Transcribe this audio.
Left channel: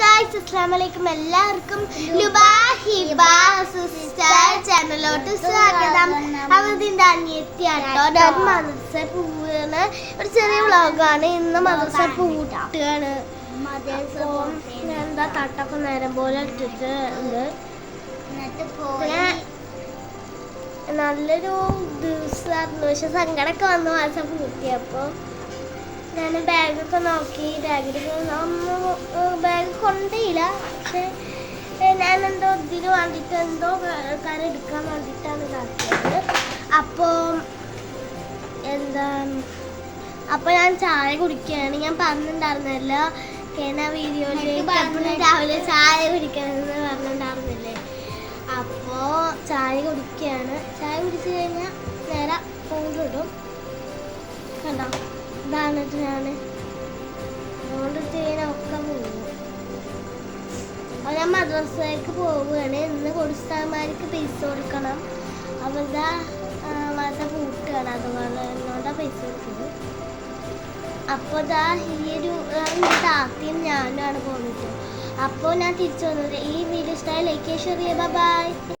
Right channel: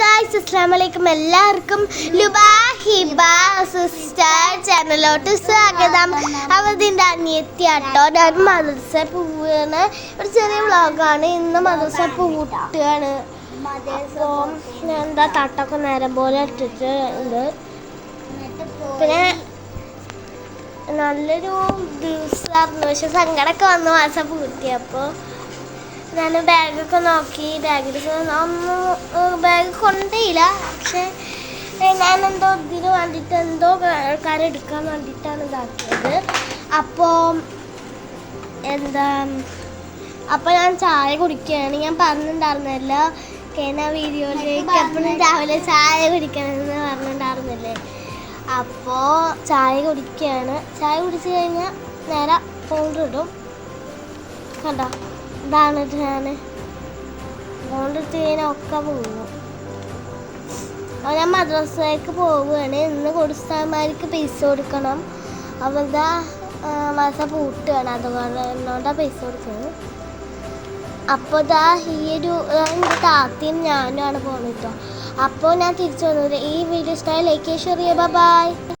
Guys അസ്സാം വലൈക്കും എല്ലാവർക്കും ലുബാഹിബ സിസ്റ്റർ ചാനലോട്ട് സ്വാഗതം. അവതിന്റെ അനിയത്തിയാട്ടോ ഞാൻ മദർസ പോവുകയാണ് ഒരു ചെറിയ വ്ളോഗാണ്. ഇന്ന് മദർസ പൂട്ടുകയാണ് എന്താ തട്ടൊക്കെ നേരം പോലെ ഇട്ടിട്ട് ഉണ്ട്. പിന്നെ നല്ലൊരു ദിവസമായിരുന്നു. പക്ഷെ സങ്കടമൊക്കെ വന്നു മാസം പൂട്ടിയപ്പോൾ. ഞാൻ ബാഗൊക്കെ നോക്കി. ബാഗിൽ ഒന്ന് കൊണ്ടേയില്ല. പക്ഷെ എന്തോ ഇതിന് വേണ്ടിയിട്ട് എന്തോ എടുക്കാൻ വേണ്ടിയിട്ടാണ് ഇതാക്കിയത്. അപ്പോൾ എന്താ അപ്പോൾ ഞാൻ ചായ കുടിക്കുകയാണ്. ഞാൻ പറഞ്ഞിട്ടുണ്ടായിരുന്നില്ല കേന വീഡിയോയിലേക്ക് എപ്പോഴും രാവിലെ ചായ കുടിക്കണമെന്ന് പറഞ്ഞിട്ടുണ്ടായിരുന്നില്ലേ? അപ്പോൾ ചായ കുടിക്കുകയാണ്. ചായ കുടിച്ച് കഴിഞ്ഞാൽ നേരെ ഇടും. കണ്ടോ? ഇതാണ് ഞാൻ അതുകൊണ്ടിട്ട് കഴിഞ്ഞാൽ ഒക്കെ പോകുന്നു മദ്രസയിലേക്ക് പോവുകയാണ്. ഇന്ന് കൊടുസ്ഥാന്മാർക്ക് പൈസ കൊടുക്കണം. അവരുടെ മദ്രസ പൂട്ടുകയാണ്. അതുകൊണ്ട് പൈസ കൊടുക്കുന്നത് അപ്പോൾ ദാ ഈ ഒരു എന്റെ താത്തയും ഞാനുമാണ് പോകുന്നത് അപ്പോൾ ഞാൻ തിരിച്ചു വന്നത് ഈ വീഡിയോ ഇഷ്ടമായി ലൈക്ക് ചെയ്യുക ബൈ